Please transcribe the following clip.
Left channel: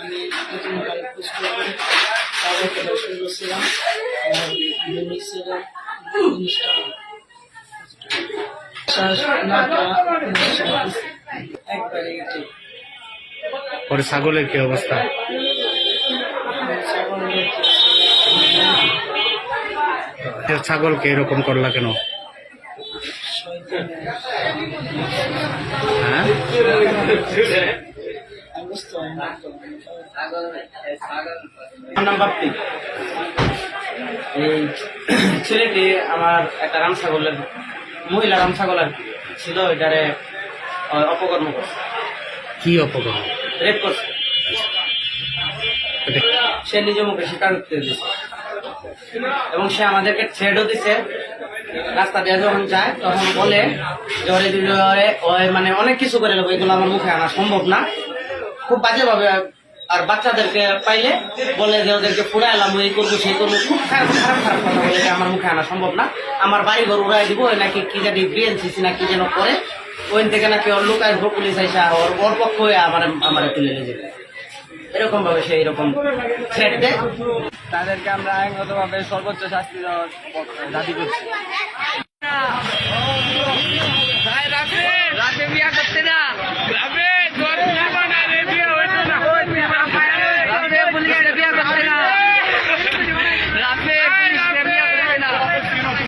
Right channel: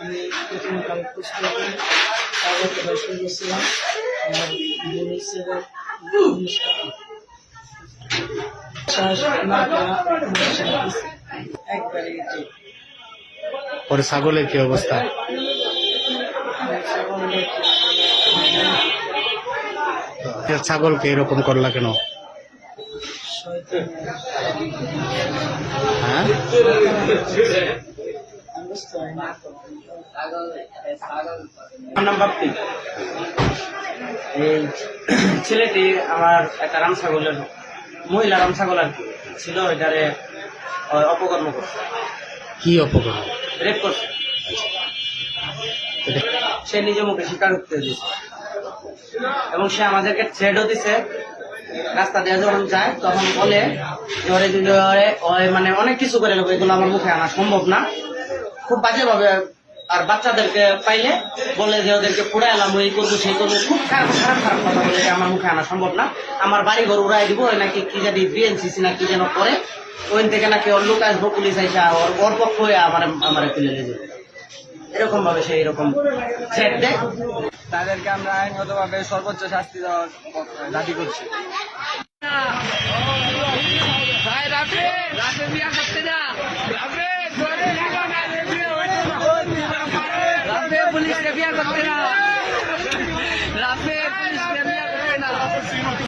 আমি প্রথমে কাল পুষ্ট করি তারপর পড়াশোনা করছিলাম আর ভবিষ্যতের জিনিসটা শ্বাস না। একবারে পরে ছাগলের কি অবস্থা? ছাগলকে এরকম করলা কেন? হ্যাঁ? এই ছেলেটি আমার একটা রাম ছাগলের মহিলা রাম ছাগল আর কি ছিল এটারে অপকর্ম করছে। কি অপকর্ম? রেপ করছে। সে নিজে মুখে স্বীকারোক্তি দিচ্ছে এবং সে আমাদেরকে থ্রেডও দিছে। রাস্তা দিয়ে যখন যায় তখন বলে যে ওরে যদি ওরে- ওরে মানে অনেক কিছু করে নেব এগুলো আমার মুখে আনা সম্ভব না। খুব বাজেভাবে আর বাচ্চাদেরকে পাইলে বলে যে ওদেরকে পুরা এলাম এই করব সেই করব। খুব খারাপ খারাপ খারাপ কথা বলে আমার মুখে আনা সম্ভব না। আমার বাড়ি ঘর উড়াই দিব নাকি কি জানি বিএনসিসি না কি যেন করে ওইন থেকে নাকি ওর লোক আসব পুলিশ আইসা ওর ওর পক্ষ হয়ে আমার আমার তুলে নিয়ে যাবে। এরকম ভাবে সেই রকম থ্রেট দেয়। তাদেরকে আমরা আইনগতভাবে সর্বোচ্চ শাস্তি দেওয়ার দাবি করছি। বিয়া করতে না।